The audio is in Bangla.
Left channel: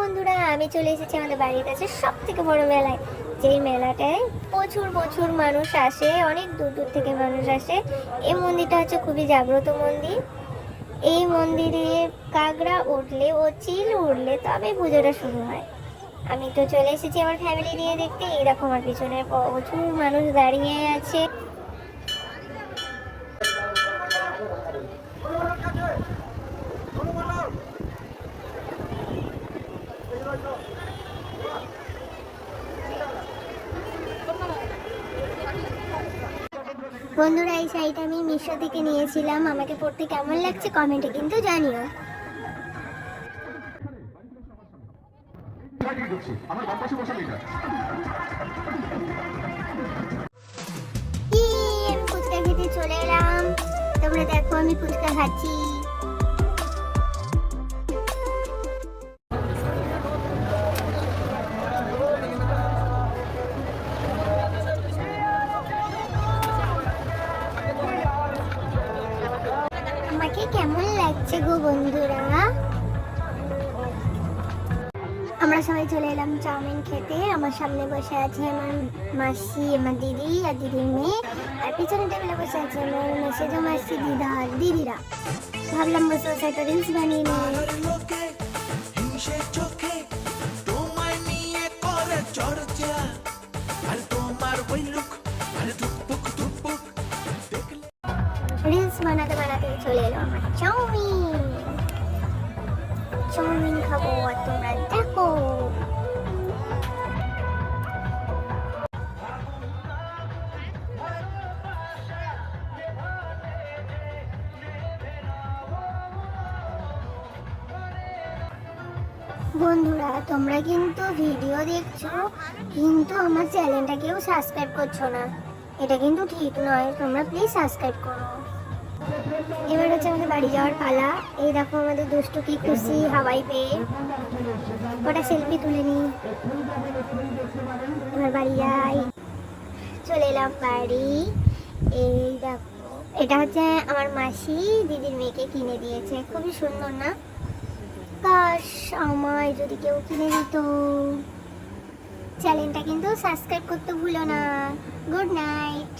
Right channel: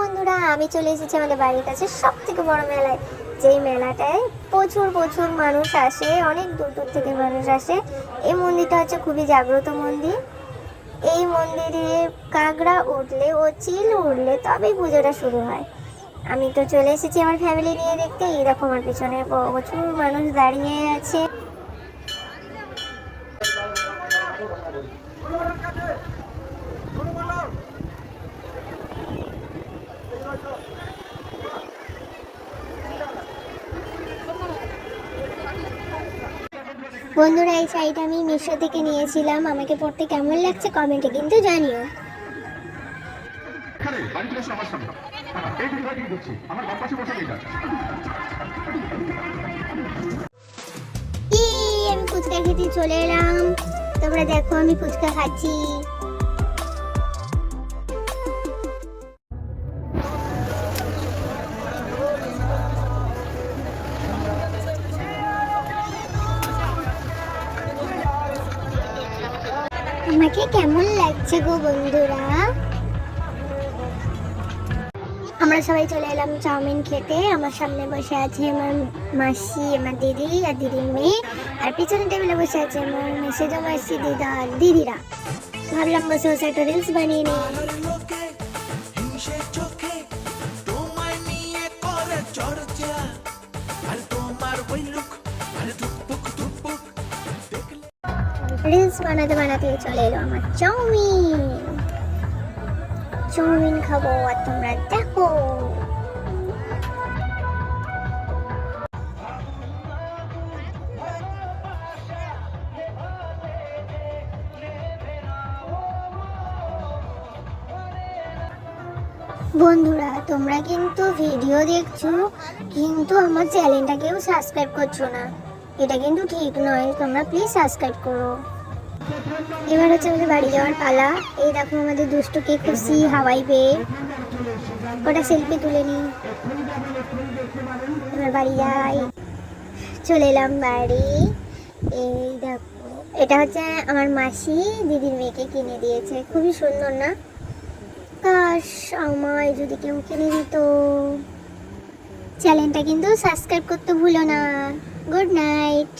বন্ধুরা, আমি চলে এসেছি আমাদের বাড়ির কাছে সব থেকে বড় মেলায়। যেই মেলাটায় প্রচুর প্রচুর মানুষ আসে, অনেক দূর দূর থেকে মানুষ আসে। এই মন্দিরটা হচ্ছে খুবই জাগ্রত মন্দির। এই মন্দিরে কাঁকড়া উঠলে ও চিল উঠলে তবেই পুজোটা শুরু হয়। আমি তো চলে এসেছি আমার ফ্যামিলি নিয়ে দেখতে। এই দেখো আমার পিছনে প্রচুর মানুষ দাঁড়িয়ে আছে। বন্ধুরা, এই শাড়িটা আমি মিশো থেকে নিয়েছিলাম। আমাকে পরতে কেমন লাগছে কমেন্টে কিন্তু জানিও। আমি ফুচকা খেতে চলে এলাম। তোমরা দেখো আমি ফুচকা খাচ্ছি। আমাকে কেমন লাগছে গো বন্ধুরা? আমরা সবাই চলে এলাম চাউমিন খেতে। আমার সামনে বসে আছে আমার মাসি, আমার দিদি আর দিদির মেয়ে, আর পিছনে টেবিলে বসে আছে আমার মেসেজো মাসি দিদিরা। ভাবলাম বসে বসে একটা রিলস বানিয়ে নিই। রিলস বানাতে বানাতে চলে এলো আমার চাউমিন খাবো আর তোমরা দেখো। বন্ধুরা, তোমরা কিন্তু ভিডিও দেখছো কিন্তু আমার চ্যানেলটা কেউ সাবস্ক্রাইব করছো না। এটা কিন্তু ঠিক নয়, তোমরা প্লিজ সাবস্ক্রাইব করো। এবার হচ্ছে আমাদের বাড়ি যাওয়ার পালা। এই দেখো আমাদের দুষ্টুকে খুশি হাওয়াই পেয়ে ওটা সেলফি তুলে নি। এবার বাড়ি যাই। চলে এলাম বাড়ি। এই দেখো, এটা হচ্ছে আমার মাসি দিদির মেয়েকে কিনে দিয়েছে। খুবই সুন্দর না? কাশ আমায় যদি কেউ কিনে দিত। চ্যানেলটা কিন্তু সাবস্ক্রাইব করতে ভুলো না। Good night.